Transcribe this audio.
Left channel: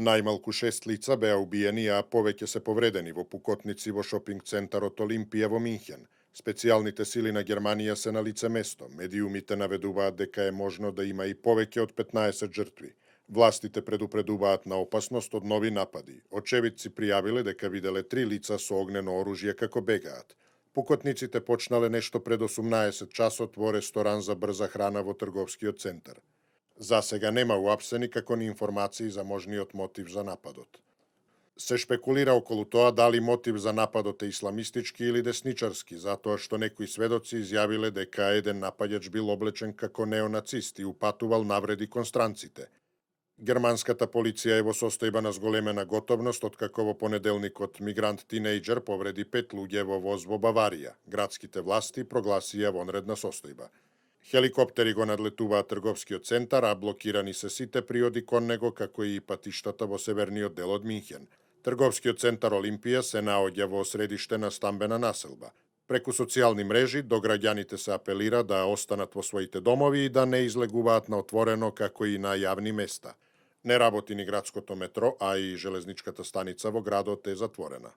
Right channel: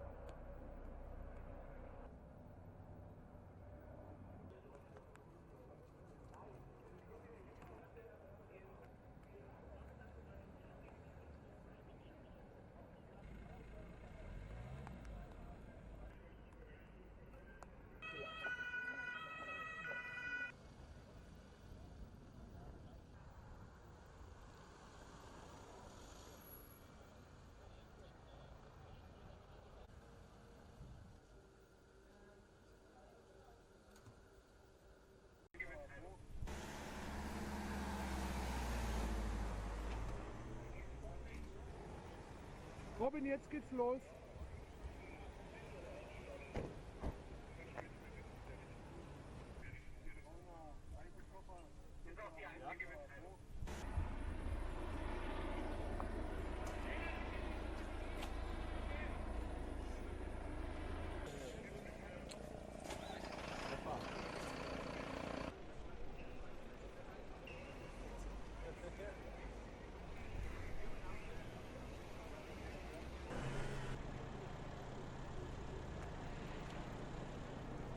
Најмалку 6 лица беа убиени, а повеќе се повредени во пукотници во шопинг центарот Олимпија во Минхен. Специјалните сили на Германија се на лице место. Медиумите наведуваат дека е можно да има и повеќе од 15 жртви. Властите предупредуваат на опасност од нови напади. Очевидци пријавиле дека виделе 3 лица со огнено оружје како бегаат. Пукотниците почнале нешто пред 18 часот во ресторан за брза храна во трговскиот центар. За сега нема уапсени како ни информации за можниот мотив за нападот. Се шпекулира околу тоа дали мотив за нападот е исламистички или десничарски, затоа што некои сведоци изјавиле дека еден напаѓач бил облечен како неонацист и упатувал навреди кон странците. Германската полиција е во состојба на зголемена готовност откако во понеделникот мигрант-тинејџер повреди 5 луѓе во воз во Баварија. Градските власти прогласија вонредна состојба. Хеликоптери го надлетуваат трговскиот центар, а блокирани се сите приоди кон него, како и патиштата во северниот дел од Минхен. Трговскиот центар Олимпија се наоѓа во средиште на стамбена населба. Преку социјални мрежи до граѓаните се апелира да останат во своите домови и да не излегуваат на отворено како и на јавни места. Не работи ни градското метро, а и железничката станица во градот е затворена.